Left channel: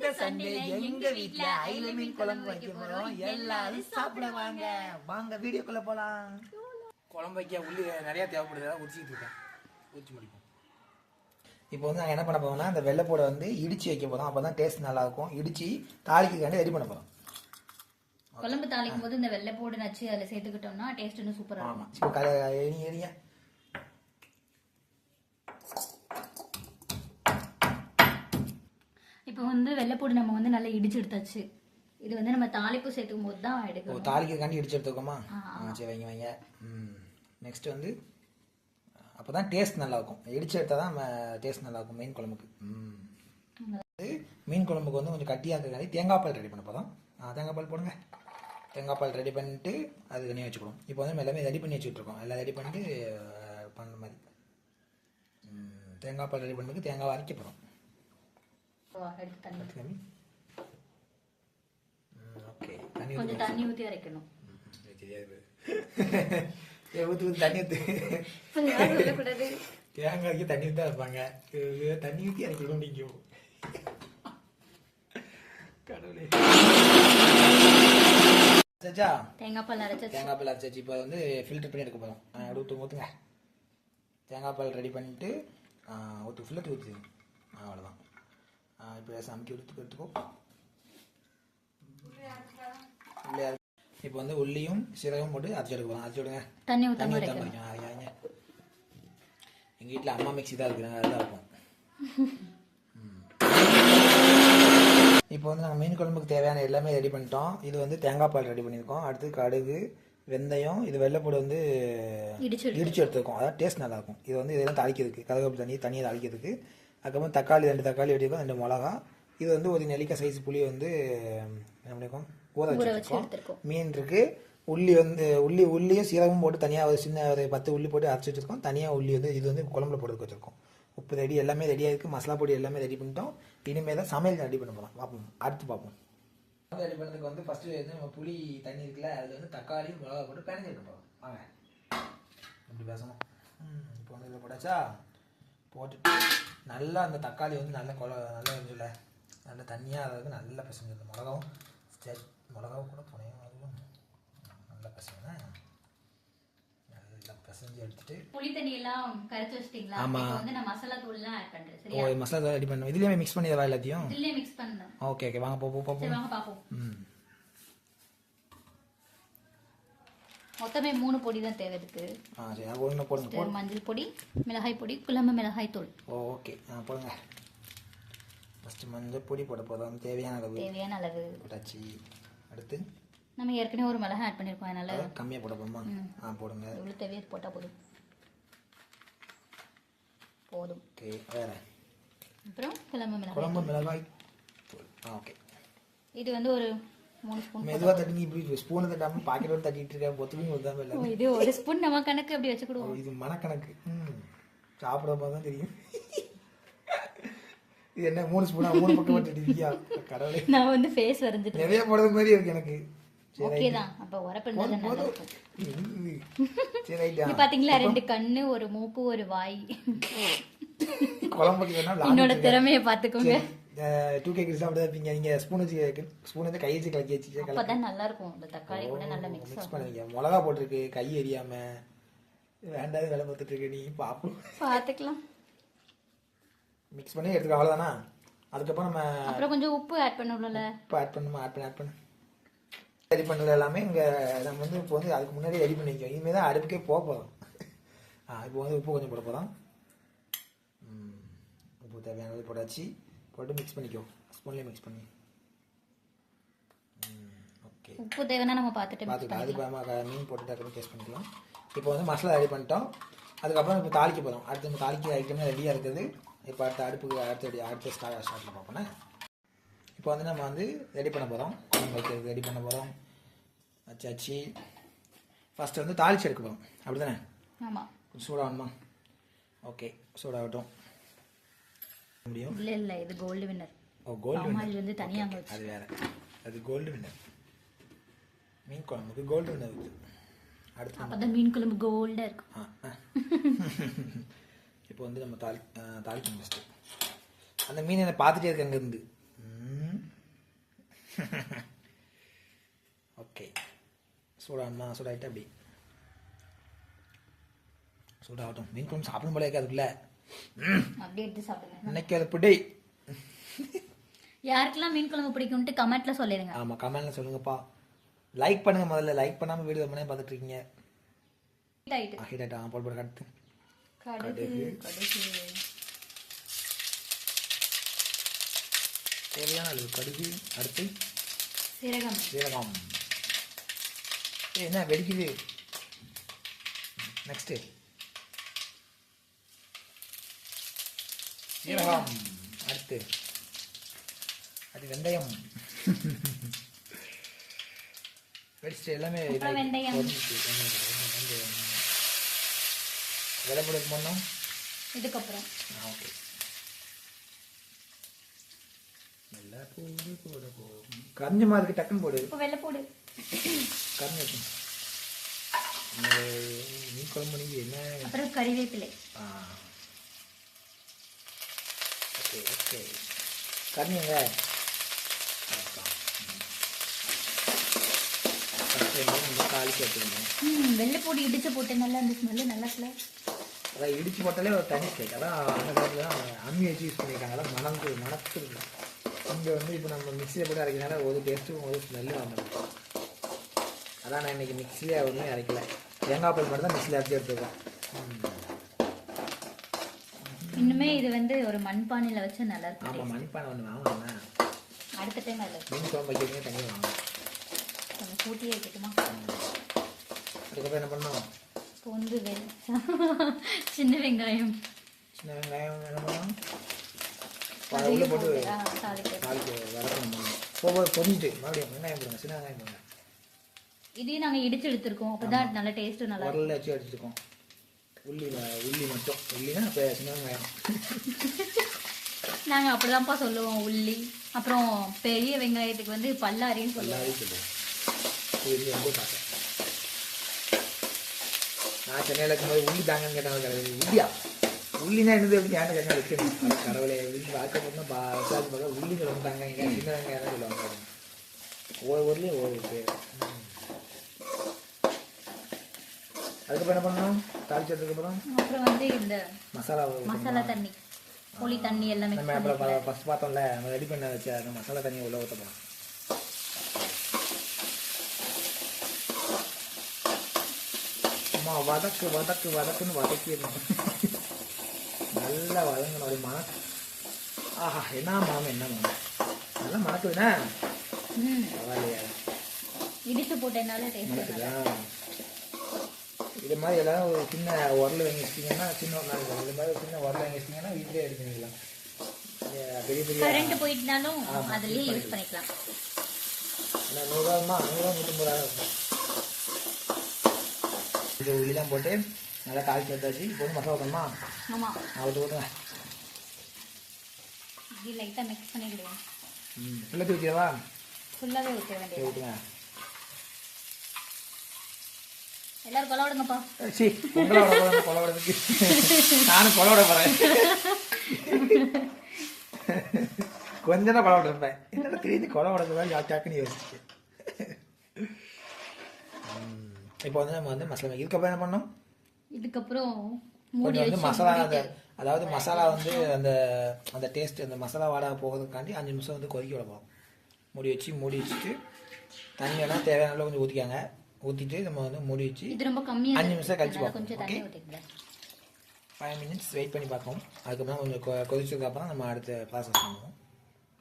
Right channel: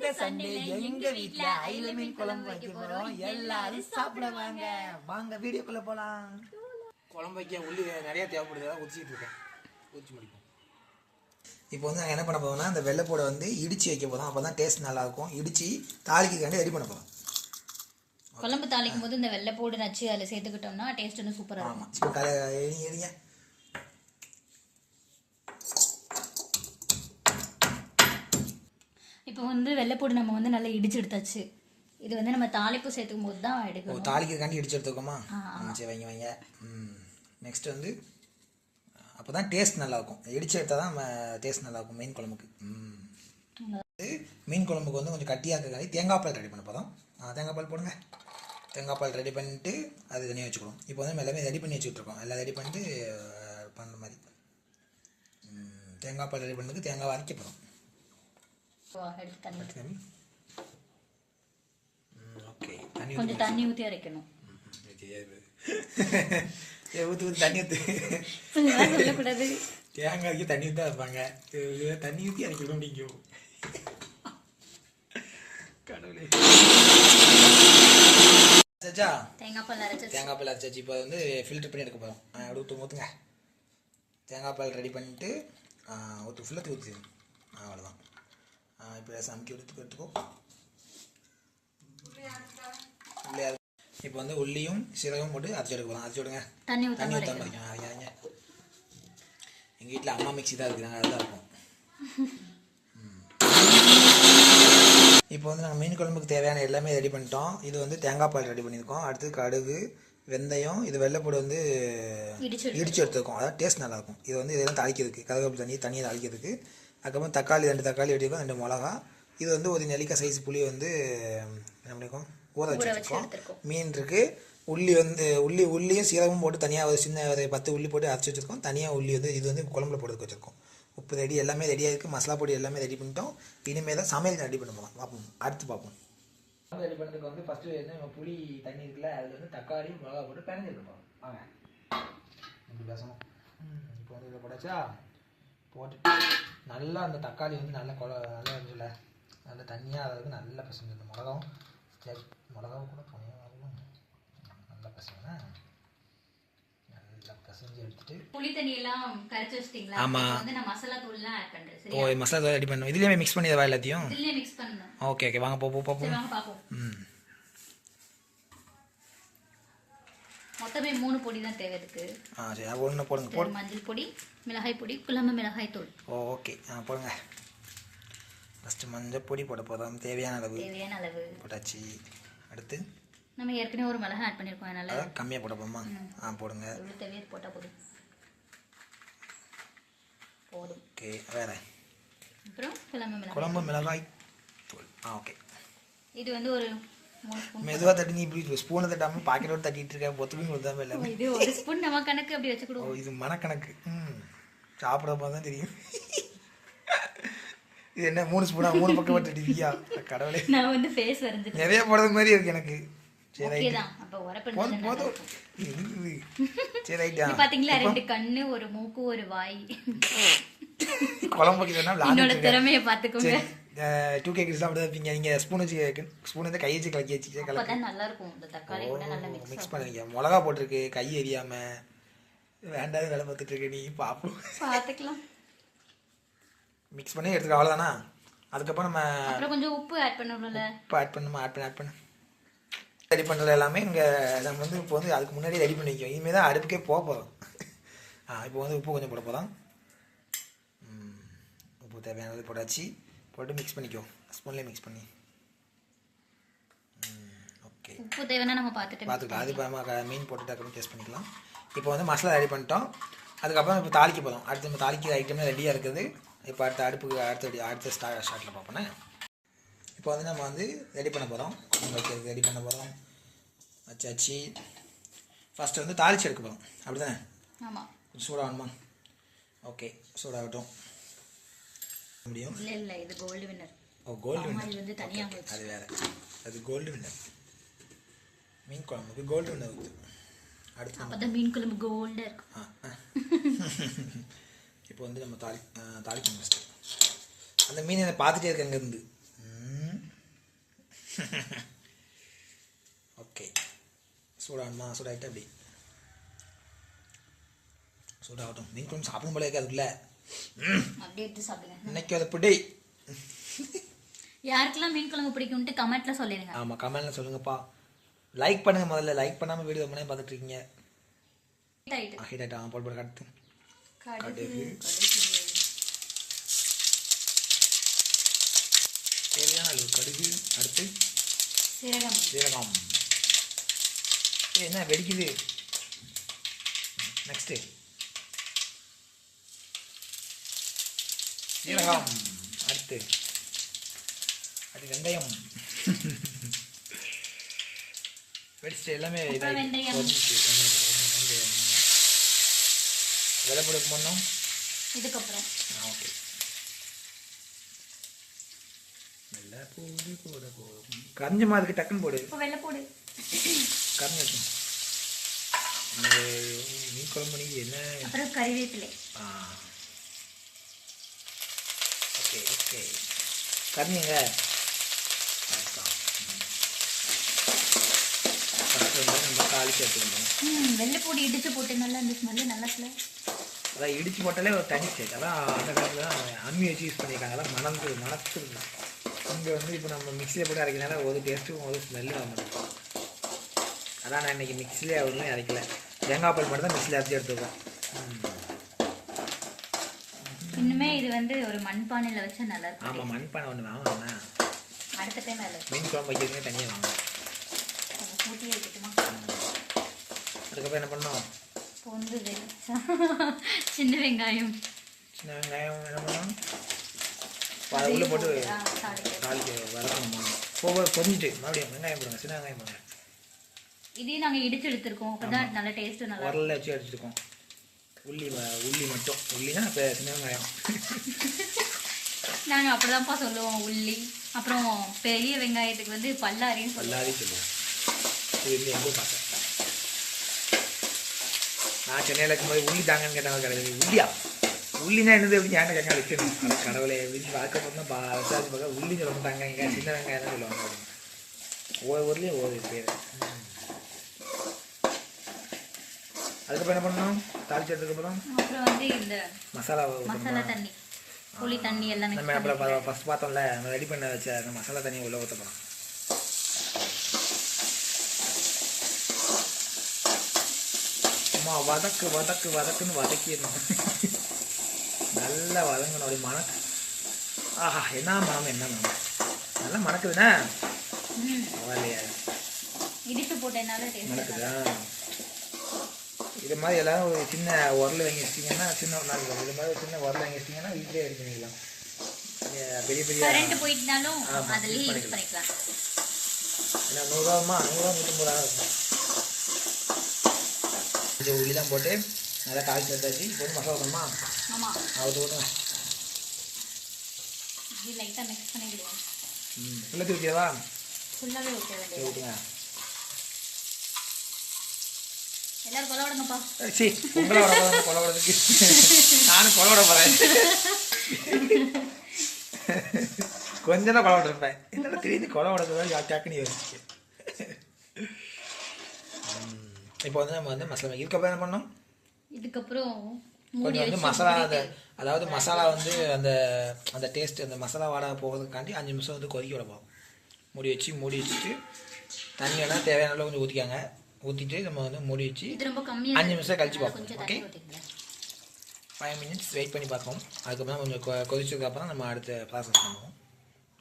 இந்த சண்டே எங்க வீட்ல ஐல மீன் குழம்பு வைக்க போறோம். எல்லாரும் சாப்பிட வாங்க. வாங்க வீடியோக்குள்ள போலாம். குழம்பு வைக்க உள்ளி நிறைய தேவைப்படுது, அதான் உச்சிட்டு இருக்கேன். ஊற்றி முடிப்போம். இப்போ வந்து நாங்கள் என்ன பண்ண போறோம்னா இந்த வெள்ளைப்பூடை வந்து இடிச்சு வைக்க போறோம். அப்பதான் டேஸ்ட் நல்லா இருக்கும். இடிச்சு தாளிக்காண்டி ரெடி பண்ண போறோம். குழம்பு தாளிக்கும் போது இந்த வெள்ளைப்பூடு நச்சு அதில் சேர்த்துக்கிட்டோம்னா டேஸ்ட் இன்னும் சூப்பராக இருக்கும். ஆமாம், இப்போ எரிங்க. இப்போ வந்து வெள்ளைப்பூடு நம்ம வந்து நல்லா இடிச்சு எடுத்தாச்சு. இது வந்து நம்ம தாளிப்பு சேர்த்துக்கும் போது தான் எடுக்கணும். தாளிக்கிறதுக்காண்டி இடிச்சு எடுத்துக்கோமா? சரி, வைங்க. நெக்ஸ்ட் வந்து அப்போ தான் டேஸ்ட் நல்லாயிருக்கும். இடிச்சு எடுத்தால் தான் டேஸ்ட் நல்லாயிருக்கும் மீன் குழம்புக்கு. மீன் குழம்புக்கு வந்து கொஞ்சம் கட்டியாக இருக்கிறதாடி தேங்காய் பால் ரெடி பண்ண போதும். தேங்காய் பால் போடுங்க. தேங்காய் பால் ரெடி பண்ணிட்டு அது தனியாக வச்சுக்கணும். இப்போ வந்து எல்லாமே ரெடி பண்ணி வச்சுட்ருக்கோம். எல்லாம் ரெடி பண்ணிட்டு பண்ணுற மாதிரி. தேங்காய் பால் ரெடி பண்ணுறதுக்கு தேங்காய் அரைக்க போகிறோம். ஓகே, தண்ணி ஊற்றி அரைக்கணும். ஊற்றி தண்ணி ஊற்றி தேங்காய்க்கு தண்ணி ஊற்றி வைப்பாங்க. தண்ணி ஊற்றி அரைக்கணும் அப்படிங்கும். கடவுளே. தேங்காய் பால் அரைச்சாச்சு. இப்போ வந்து ஃபில்டர் பண்ணி எடுக்க போகிறோம். அப்படி ஊற்றுங்க. தேங்காய் பால் ரெடி பண்ணிட்டு ஃபில்டர் ஊற்றி அவ்வளோதான். இப்போ சமைக்க எடுத்துக்கோ. இல்லையா? இப்போ வந்து உள்ளியும் சீரகமும் போட்டு அரைச்சி எடுக்க போகிறோம். அரைச்சி விடுங்க. தண்ணி ஊற்ற மாதிரிக்கும். அவங்க எங்கள் வீட்டில் அம்மா மிக்ஸி தான் இருக்குறாங்க, அதுதான் இருக்கும். இப்போ வந்து நாங்கள் மீன் குழம்புக்கு தேவையான எல்லாமே ரெடி பண்ணிட்டோம். இது வந்து தேங்காய் பால் ரெடி பண்ணியிருக்கோம். அடுத்து கடுகு, வெந்தயம், இது வெள்ளைப்பூடு வந்து இடிச்சு எடுத்துருக்கோம். அதாவது டேஸ்ட் நல்லாயிருக்கும். இது வந்து இதெல்லாம் தாளிக்கிறதுக்கு கருவேப்பிலை தண்ணியை தாளிக்கிறதுக்கு. அதுக்கப்புறம் தக்காளி 2 தக்காளி வெட்டியிருக்கோம், 2 மிளகா. இது வந்து ஒரு நெல்லிக்காய் சைஸ் புளி வந்து என்ன பண்ணியிருக்கோம், ஊற வச்சுருக்கோம். மீன் இருக்குது. உள்ளி வந்து உள்ளியும் சீரகமும் போட்டு தனியாக ஒரு சின்ன ஒரு 10 உள்ளி போட்டு அரைச்சி வச்சுருக்கோம். தனியாக உள்ளி வந்து இது வந்து குழம்புல போட்டு வச்சுருக்கோம். உப்பு ரெடி, எல்லாமே ரெடியாக இருக்குது. மசாலா பொடி எல்லாமே ரெடி பண்ணிட்டோம். இனிமேல் தான் சமையல் ரெடி பண்ண போகலாம். பார்ப்போம், அடுத்து பார்ப்போம். ரெடி பண்ணுறதுக்கு வந்து ஃபஸ்ட்டு வந்து நம்ம புளி தண்ணி இருக்குல்ல, அதில் வந்து தக்காளி மிளகா போட்டு பிணைஞ்சிருக்க போகிறோம். வாங்க இப்படி பேசணும். இப்போ வந்து இதை போட்டாச்சா, போட்டுட்டு நல்லா அந்த தக்காளி வந்து நல்லா நல்லா இருந்துச்சுல, நல்லா தண்ணியாக அதாவது நல்லா பசங்க. இந்த மிளகாவும் கூட போனேன், அதுவும் நல்லா பசங்க. நல்லா பசஞ்சு எடுத்துட்டு புளி தண்ணியெல்லாம் கரைச்சி வச்சிட்டீங்களா? ஆமாம், வந்து நான் மசாலா தூள்லாம் ஆட் பண்ணுறேன். ஓ, மசாலா தூள் ரெடி பண்ணுவோம். இதுலேயே மிக்ஸ் பண்ணிடுவா எல்லாத்தையும்? இதுலேயே மிக்ஸ் பண்ணணும். ஓகே, வாங்க பார்ப்போம். மொத்தமே 3 பொடி தான் தேவை இருக்கு. சரி, ஒன்று போடுங்க. மஞ்சள் பொடி, மிளகாய் பொடி, குழம்பு மிளகாய் தூள். ஓகே, போடுங்க. ஃபஸ்ட்டு மஞ்சள் பொடி போட போதும். தேவையான அளவு போட்டாச்சு. அடுத்து நம்ம ஏற்கனவே ஒரு மிளகாய் ஆட் பண்ணியிருக்கோம், அதனால கம்மியாக போட போதுமா? போடுங்க. தேவையை போட்டால் போதும். ஓகே, வேறு அப்புறம் குழம்பு மிளகாய் தூள். ஓகே, இது வந்து ஒரு மெதுவாக தட்டி இப்படி ஸ்பூனை தட்டாமல் பாக்கெட்டோடு தட்டிட்டு இருக்கேன். பொத்துமையும் கொடுத்தாம எல்லாமே. இது ஒரு ஸ்பூன் நம்ம கணக்கு அப்படி வச்சு கொடுவோம். இது மனக்கணக்கு. சாப்பிட போது தான் தெரியும். இது என்ன 3 ஸ்பூனா 3 பக்கம் தட்டிருக்கியா? கடவுளே, நான் வந்து ஃபேஸ் வரைஞ்சி நிறைய போடுறது மாதிரி இருக்கு எனக்கு. சரி, போதும். சரி, ரைட்டா. பாத்தீங்களா, 2 கண்ணு, ஒரு மூக்கு, ஒரு வாய். குழம்பு என்னோட திறமையை பார்த்துக்கோங்க. 2K கிட்ஸ் அப்படி தான் இருப்பீங்க. நீங்கள் ஸ்பூன் வந்து கை வச்சு கலக்கி வச்சு அப்பதான் நல்லா இருக்கும். இந்த தக்காளி கூட நல்லா மிக்ஸ் பண்ணுவீங்க. மிளகா போட்டிருக்கு, கை எரியாம வேண்டாத வேலை பார்த்துட்டு இருக்கு. நீ பார்த்துக்கலாம். மிக்ஸ் பண்ணி எடுத்துக்க, அவ்வளோதானா? அதுக்கப்புறம் நம்ம கொஞ்சம் உப்பு ஆட் பண்ணணும்ல. உப்பு ஆட் பண்ணு. ரெடி பண்ணுறது எல்லாமே இங்கே நம்ம வந்து இப்போ வந்து அதுக்கு முன்னாடி ரெடி பண்ணி வைக்கோம். இனிமேல் தான் அடுப்புக்கே போக போதும். இப்போ வந்து உப்பு கொஞ்சம் போட போதும். உப்பு தேவையானது போட்டாச்சு. போட்டு மிக்ஸ் பண்ணிக்கோ, ஸ்பூன்லேயே மிக்ஸ் பண்ணி. ஓகே, உப்பு தேவைன்னா நம்ம பார்த்துக்கலாம். அது இப்போ மீன் போட்டுட்டு அப்புறம் டேஸ்ட் பண்ணிக்கலாம். இப்போ வந்து மசாலா ரெடி பண்ணிட்டோம். அதுக்கப்புறம் இப்போ தாளிக்க போதும். அடுத்து நம்ம தாளிக்கிற ஐட்டம்லாம் ரெடியாக இருக்குது. இப்போ அடுத்த ஸ்டார்ட்டில் பார்ப்போண்ணே. இப்போ வந்து நம்ம வந்து ரெடி பண்ண போகிறோம். வைக்கிறதுக்கு ரெடி பண்ண போகிறோம். வச்சாச்சு. ஃபஸ்ட்டு வந்து தாளிச்சு எடுக்க போகிறோம். அப்படி தானே? ஆமாம். கொஞ்சம் சூடாகணுமா? ஓகே, சூடாகட்டும். முடியும். இல்லை, இது கோல்டு வின்னர். கோல்டு வின்னர் வந்து தனியாக அது வேறு. அது கோல்டு வின்னர். மீன் குழம்புக்கு கோல்டு வின்னர் ஊற்று. அடுத்து நம்ம மீன் குழம்பு கோல்டாக இருக்கும். இப்போ வந்து நம்ம தாளிக்கணும் ஃபஸ்ட்டு. அந்த மீனை பார்த்துட்டே இருக்கு அங்கேருந்து. ஓகே, சூடாகணுமா? சூடாகிட்டு அப்படி சூடாகட்டும். மீன் குழம்பு சாப்பிடும் போல அதுக்குள்ள அப்படியே எடுத்து சாப்பிடுங்க. இன்னைக்கு அதை பிடி. யாருக்கெல்லாம் மீன் குழம்பு பிடிக்கும்ட்டு கமெண்ட்ல சொல்லிடுங்க. ஆமாம், கமெண்ட்ல சொல்லுங்கப்பா. லைக் பண்ணுங்க. முதல்ல லைக் பண்ணாமல் வீடியோ பண்ணி பார்த்துட்டு இருக்கீங்க. ஹீட் ஆகிட்டா போட்டு கடுத்து கடுகு தேவையான அளவு கடுகு. அடுத்து சீரகம். என்ன வெடிக்குது? நெக்ஸ்ட்டு சீரகம். அடுத்து வெந்தயம். வெடிச்சிட்டு எல்லாமே வெள்ளை போடு பண்ணோம் இதுக்கப்புறம். ஓகே, வெள்ளை பூண்டு போட போடும். கரைஞ்ச மாதிரி டக்குன்னு போடு. வெள்ளை போடு கரைஞ்சி இருக்கும். மீன் குழம்பு நீங்கள் என்ன? அப்புறம் கறிவேப்பிலை. ஓகே ஓகே, கரைஞ்சிங்க. நம்ம காலி சேர்த்துக்கணும். வெள்ளைப்பூடி இடிச்சு போட்டேனால அந்த ஸ்மெல்லு நல்லா இல்லை. அதான் இடிச்சு போட்டாலே ஒரு தனி ஸ்டேட். அதான் அந்த காலத்தில் தான் அம்மி வச்சு யூஸ் பண்ணியிருக்காங்க. அதான் மணத்து இங்கே வந்து இப்போ நம்ம மிக்சியில் போட்டு அரைக்கிறதுனால ஒரு டேஸ்ட்டும் ஒரு ஸ்மெல்லும் வந்துடும். அதான் நான் இன்றைக்கி மிக்சிலே ஒன்றுமே அரைக்கல. தேங்காய் பால் மட்டும் தான் மிக்சியில் அரைச்சி எடுத்துருக்கோம். இன்னுமே இது வந்து ஒரு மண்பானையில் வச்சா நல்லா இருக்கும். ஆமாம், மண்பானை ஒன்று வாங்கணும்னா அடுத்த டைம் அதில் மீன் குழம்பு வைக்கிறதுமே தனியாக வாங்கணும். கூட்டி வைக்கட்டுமா? அதுக்கப்புறம் என்ன பண்ணோம்? இப்போ வந்து சின்ன வெங்காயம் என்ன பண்ணோம்? உள்ளே போட்டு தாளிக்க வதக்கணும். பொரிஞ்சிட்டு மறுபடியும் வெங்காயம் போடுங்க. சின்ன வெங்காயம் போடுங்க. இதையும் நாங்கள் இடிச்சு எடுத்துருக்கோம். அப்பதான் நல்ல டேஸ்ட்டு நல்லா உரல்ல வச்சு அடிச்சிருக்கோம். உள்ளி மட்டும். உள்ளினா இப்போ சின்ன வெங்காயம். நாங்கள் அப்படிதான்ப்பா சொல்லுவோம். உள்ளி அப்புறம் பெரிய வெங்காயத்துக்கு வந்து பல்லாரின்னு சொல்லுவோம். இது வந்து எங்கோ பார்த்தேன். நான் சென்னையில் இருக்கும்போது உள்ளி தாங்கன்னு கேட்டாங்க. கிடையாது. உள்ளியா? உள்ளினா என்னது அப்படின்னு ஏன்ட்ட கேட்க வச்சிருந்தேன். ஆனால் கடவுளை அப்படின்னு பார்க்க போனால் விசாரிச்சு பார்க்க உள்ளின்னு சொல்ல மாட்டாங்க. இங்கே சின்ன வெங்காயம் தான் சொல்லுவாங்க. ஒவ்வொரு ஊர்லேயும் ஒவ்வொரு பேர். அதுக்கப்புறம் என்ன பண்ணணும்? தாளிச்சதுக்கப்புறம் அப்புறம் வந்து இந்த மசாலா தண்ணி, புளி தண்ணி எல்லாம் நம்ம அப்புறம் ஃபஸ்ட் பார்த்தோம்ல, நம்ம ரெடி பண்ண வச்ச அந்த மசாலா தண்ணியை உள்ள ஊற்ற போகிறோம். சும்மா வதக்குன்னு வதக்கிடணும். நல்லா வதங்கணும். அப்படி மணக்கு. ஆஹா, என்ன மனம் நல்லா மணக்குதுண்ணா. பரவாயில்லையா? இடிச்சு போட்டேனால மணக்குதா? இது மாதிரி எல்லாரும் ஒரு சின்ன உரல் வாங்கி வச்சிட்டிங்கன்னா, சின்ன ஒரு நாளைக்கு இது மாதிரி ஒரு சின்ன உரல் வாங்கி வச்சிட்டிங்கன்னா வீட்டிலே ரெடி பண்ணிக்கலாம். பெரிய போயிட்டுனாலும் அதுலேயே யூஸ் பண்ணிக்கலாம். ஏன்னா 100 150 இருக்கும். இது உள்ளிலாம் போட்டு நல்லா காய்ச்சி எடுத்தாச்சு. இப்போ வந்து மசாலா ஊற்றணுமா? ஆமாம், அது ஊற்றுங்க. இது லைட்டாக மிக்ஸ் பண்ணிக்கிடுவோம். ஃபுல்லாக ஊற்றியவா? ஃபுல்லாகவே ஊற்ற வேண்டியது. ஊற்றுங்க. எல்லாரும் கொலை விடுங்கப்பா. சரி, உங்களை விட கொலை விடுறதுக்கு நானும் கொலை விட போகிறேன். கொஞ்சம் தான் கொலை விட்டுருப்பேன். என்னடா திடீர்னு கொலை விடுறதுதான் டக்குன்னு யோசிச்சு. இப்போ வந்து நம்ம வந்து மசாலா இதுக்கப்புறம் என்ன பண்ணோம்? இதுக்கப்புறம் கொஞ்சம் வந்து மசாலா அதாவது மசாலா வந்து அந்த டேஸ்ட் அந்த மசாலா வாடகை போகிறதுக்காண்டி 5 நிமிஷம் வந்து கொதிக்க விட போகிறோம். மூடி வச்சுட்டு தண்ணியெல்லாம் தேவையான அளவு கொஞ்சம் ஊற்றிக்காங்க. ஊற்றிட்டு நம்ம வந்து மூடி வச்சு 5 நிமிஷம் கழிச்சு பார்ப்போம். ஓகே, 5 மினிட்ஸ் வெயிட் பண்ணி பார்ப்போம். அதுக்கப்புறம் கொஞ்சம் கொதிச்சதுக்கப்புறம் நம்ம அடுத்த ப்ராசஸ் பண்ணுவோம்.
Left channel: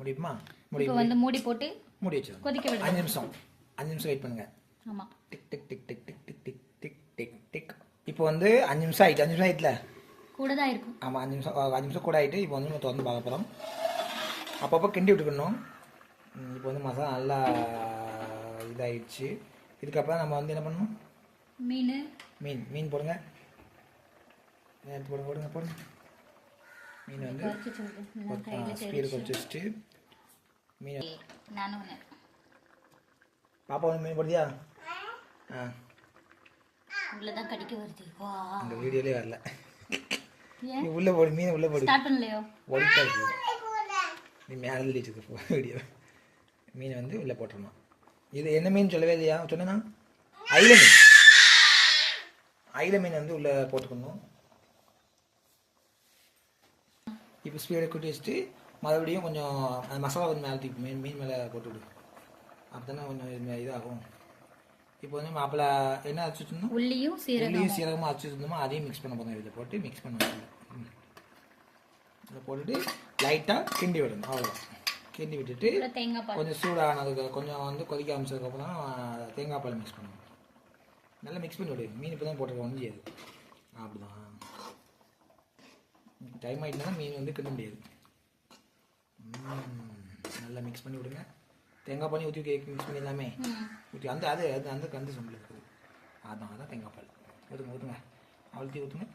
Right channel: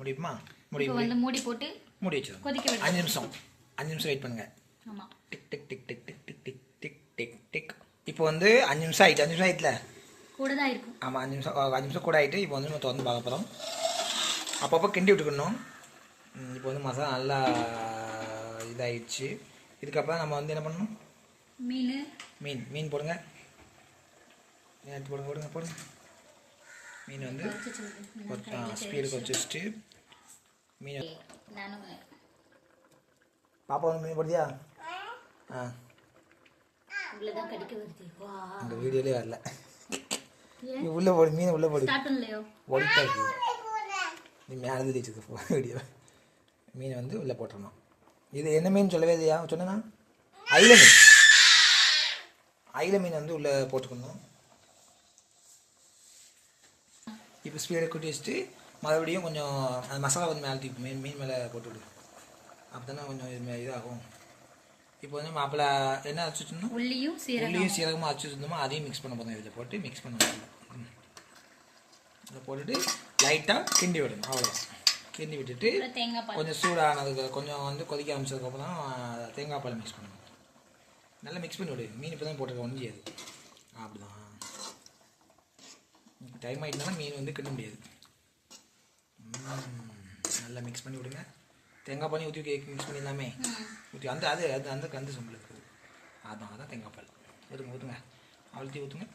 முடியுமா? மூடி போட்டு மூடி வச்சிடும். 5 நிமிஷம் வெயிட் பண்ணுங்கள். ஆமாம், tick tick tick tick tick tick tick tick tick tick. இப்போ வந்து 5 நிமிஷம் ஆகிட்டு. 5 நிமிஷம் ஆகிட்டுல? கூட தான் இருக்கும். ஆமாம், 5 நிமிஷம் கூட ஆகிட்டு. இப்போ வந்து நம்ம திறந்து பார்க்க போகிறோம். அப்பப்போ கிண்டி விட்டுக்கணும். இப்போ வந்து மசாலா நல்லா இதாகிடுச்சு. இதுக்கப்புறம் நம்ம வந்து என்ன பண்ணணும்? மீன் போடுங்க. எடுத்து போடுங்க. மீன் வந்து ஸ்பீடு வச்சுட்டு மீன் பாப்பா ஒன்று மீன் போடுதியா? அந்த வீடியோலே வரல. நீ உள்ளே போடு, மீன் உள்ளே போடு. ஓடிட்டா இருக்கு. நீ மேலே வச்சுக்க வீடியோ. மீனை வந்து உள்ளே போட்டுடணும். இது என்ன மீன் சொல்லவே இல்லையா சொன்னேன்னா? அயில மீன். அயில மீன் வந்து உள்ளே போட்டுக்கணும். இப்போ ஸ்பீடை கூட்டி வச்சுட்டு மறுபடியும் கொஞ்சம் அந்த மசாலா வந்து மேலே தூக்கி மீன் மேலே போட்டு விடு. அப்போ தானே கொஞ்சம் இதாகும். இப்போ வந்து மாப்பிள்ளை என்ன அரைச்சி வச்சுருந்தோம்? உள்ளியும் சீரகமாக அரைச்சி வச்சுருந்தோமோ அதையும் மிக்ஸ் பண்ண போதும். இதில் போட்டு மிக்ஸ் பண்ண இதை போட்டுட்டு லைட்டாக கிண்டி விடணும். அவ்வளோதான். கிண்டி விட்டுட்டு கொஞ்சம் சூடானதுக்கு கொஞ்சம் வந்து கொதிக்க ஆரம்பிச்சதுக்கப்புறம் தேங்காய் பால் மிக்ஸ் பண்ணணும். நல்லா மிக்ஸ் பண்ணி விடு. மீன் இப்போ தான் போட்டுருக்க முடியாது. அப்படிதான். டைம் ஆகிட்டுனா மீன் வந்து கிண்ட முடியாது. நல்லா மிக்ஸ் பண்ணி விடுங்க. தேங்காய் பால் ஊற்றி மிக்ஸ் பண்ணிடலாமே. ஊற்றி அந்த அது அது அந்த கந்து சம்பளம் இருக்குது. அதான் தேங்காய் பால் ஊற்றுங்க. அவ்வளோத்தையும் ஊற்றுங்க.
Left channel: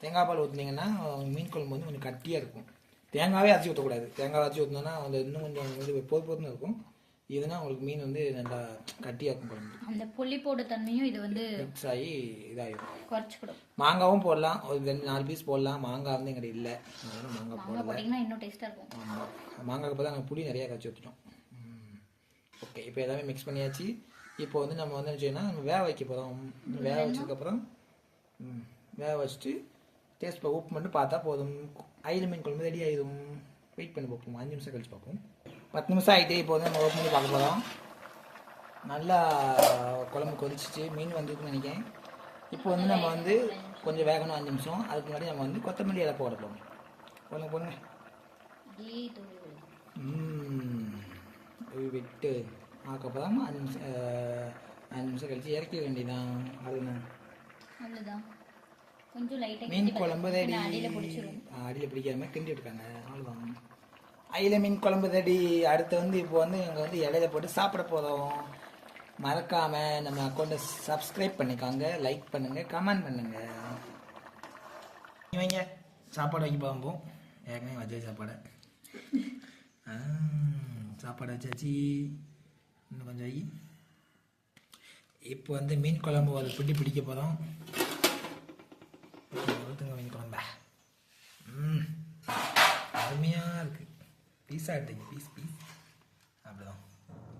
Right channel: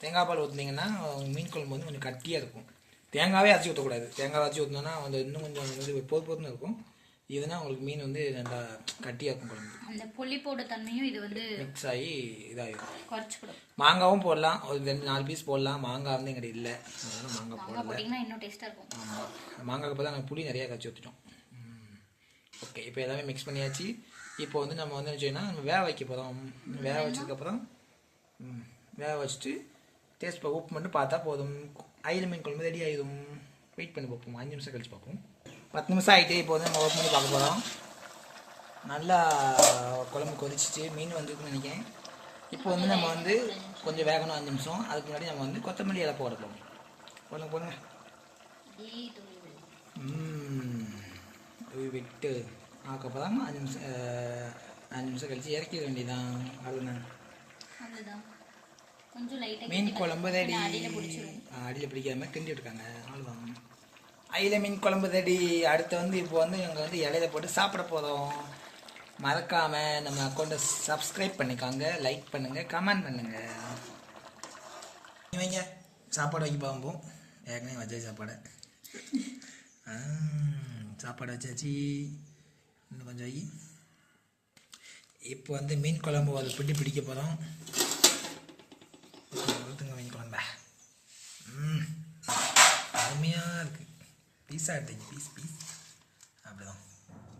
தேங்காய் பால் ஊற்றுனீங்கன்னா மீன் குழம்பு வந்து கொஞ்சம் கட்டியாக இருக்கும். தேங்காவே அரைச்சி ஊற்றக்கூடாது. தேங்காய் அரைச்சி ஊற்றினோன்னா வந்து இன்னும் கொஞ்சம் வந்து பொறுன்னு இருக்கும். இதுனா உங்களுக்கு மீன் வந்து நல்லா கட்டியாக இருக்கும் குழம்பு. அந்த புளிப்போட தண்ணியும் இது வந்து மிக்ஸ் ஆகி இதாகிடும். குறைச்சிக்கூடும். மாங்காவும் போடலாம். ஒரு 2-4 பீஸ் போடலாம். மாங்காய் வந்து எங்கிட்ட இல்லை, அதனால் மாங்காய் போடல. இன்னும் டேஸ்ட்டாக இருக்கும். ஆமாம், மாங்காய்க்கு இப்போ தான் நாங்கள் புளி நிறையா கரைச்சி ஊற்றிட்டோம். ஓகே, இப்போ எல்லாமே மிக்ஸ் பண்ணியாச்சு. இப்போ வந்து நம்ம வந்து என்ன நம்ம வேக வைக்க போகிறோம். வேக வச்சதுக்கப்புறம் வேக வச்சுட்டு டேஸ்ட் உப்பு மட்டும் பார்த்தா போதும். அயில மீன் குழம்பு ரெடி ஆகிடும். வெயிட் பண்ணி பார்ப்போம். 5 நிமிஷம் கழிச்சு பார்ப்போம். 10 நிமிஷம் ஆகிட்டு இப்போ வந்து நம்ம ஓப்பன் பண்ணி பார்க்க போகிறோம். நல்லா குழம்பு கொதிச்சிச்சு. மீன் வந்துருக்குன்னு நினைக்கிறேன். இப்போ வந்து நம்ம வந்து கொஞ்சம் வேகணும் 5 நிமிஷம். அதுக்கு முன்னாடி நம்ம வந்து கொத்தமல்லி இலை போட போடுங்க போடுங்க. விட்டு அதுக்கப்புறம் 5 நிமிஷம் கழிச்சு இறக்கிட வேண்டியதான். அதுதான் மீன் குழம்பு ரெடி. அடியில் பிடிக்காம கிண்டி விட்டுருக்காங்க. அவ்வளோதான், அயில மீன் குழம்பு ரெடி. அடுத்து வந்து இப்போ வந்து இவங்க வந்து இலையில போட்டு சாப்பிட போகிறோம். மறக்காமல் நம்ம அக்கௌண்ட்டை சப்ஸ்கிரைப் பண்ணிக்காங்க, லைக் பண்ணுங்கள், கமெண்ட் பண்ணுங்கள். இவங்க சாப்பாடு வைக்க போகும்போது ஏற்கனவே வச்ச சாப்பாடு வச்சாச்சு. இன்னும் கொஞ்சம் வை. இப்போ வந்து மீன் குழம்பு அதை பிடிக்க போகிறோம். ஊற்றுங்க மீன் குழம்பா. அருமையாக இருக்குது. பீஸாக எடுத்தீங்க. பீஸ் அப்படிதான்.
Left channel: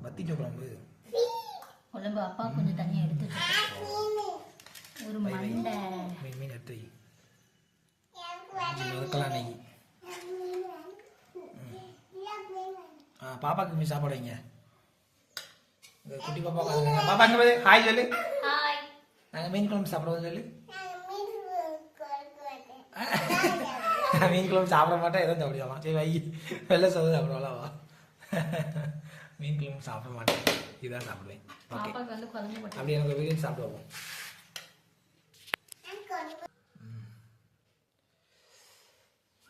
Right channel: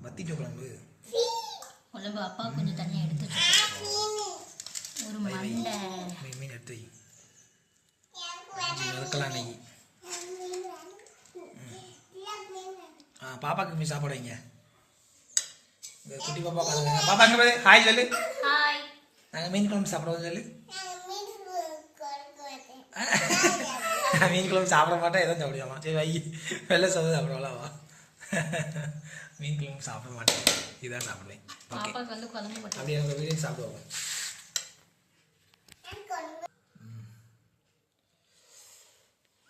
வத்திக்க குழம்பு அப்பா கொஞ்சம் தண்ணி எடுத்து ஒரு மீன் எடுத்து வதக்கலாம். நெய் பாப்பாக்கு மீன் சாப்பாடு வைங்க. குட்டி பாப்பா பாருங்க. பாப்பா அங்கே போய் ஹாய் சொல்லு. நாங்கள் மீன் குழம்பு சாப்பிடுவோம் சொல்லு. மீன் குழம்பு சாப்பிட மாட்டேன், எதுவும் சாப்பிடுவாமா. சரி வை, வெள்ளை சோறு சாப்பிடுவாளா? மீன் குழம்பு சாப்பிட மாட்டேன், இதான் சாப்பிடுவேன். ஓகே, அப்படி எனக்கு வீடியோ சாப்பிடுவோம்.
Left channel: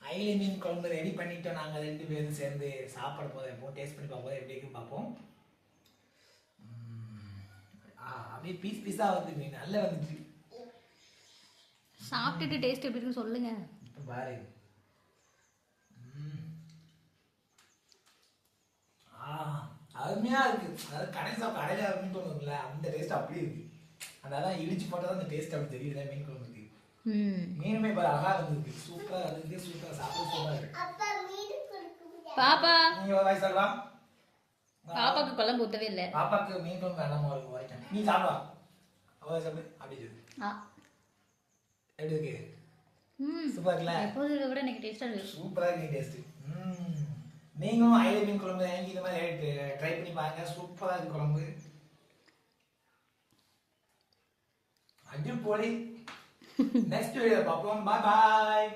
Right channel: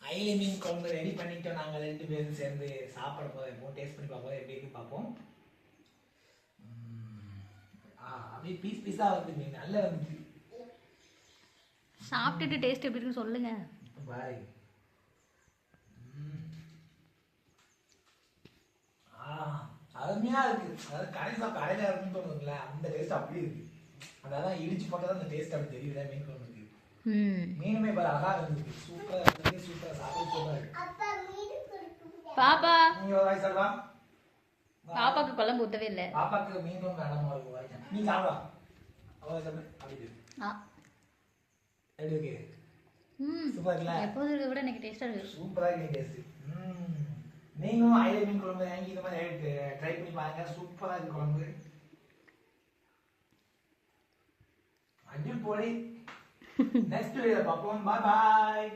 அயில மீன் குழம்பு ரெடி பண்ணிட்டோம். நாங்கள் 2 பேரும் சேர்ந்து சாப்பிட போதும். டேஸ்ட் பண்ணி பார்ப்போம் எப்படி இருக்குன்னு பார்ப்போம். அப்படியே பீஸாக வந்து மீன் நல்லா வந்துச்சு. சாப்பிட்டுட்டு டேஸ்ட் எப்படி இருக்குன்னு சொல்லுங்க. பாரு, அருமையா இருக்கு. அதாவது கடையில இருக்குன்னு தோணுதுல, அந்த டேஸ்ட் அப்படி இருக்கு. அதான் இடிச்சு போட்டதான் அந்த டேஸ்ட் அப்படி தெரியுது மீன் குழம்புக்கு. மீனுமே பாரு அழகா இருந்துருக்கு. சூப்பரா இருக்கு. சூப்பரா சாப்பிட சூப்பரா இருக்கு. பாப்பா நீங்க வாய் சொல்வா. பாப்பாக்கு குழம்பு ஊத்தவே இல்லை. பாப்பாக்கு மீன் குழம்பு வேண்டாம், வாய்ட்டேன். நீ சாப்பிடா. அவ சாப்பிடு. அப்படி சொல்லு. எப்படி இருக்கு? சூப்பரா இருக்குல்ல? எப்போதை விட எனக்கு டேஸ்டா இருக்கு. சூப்பரா இருக்கு டேஸ்ட். நீங்களும் அயில மீன் குழம்பு வாங்கி இந்த மாதிரி ட்ரை பண்ணி பாருங்க. சூப்பரா இருக்கு குழம்பு. அடிப்பொலி. நெக்ஸ்ட் வீடியோ பார்ப்போம். பாய் பாய்.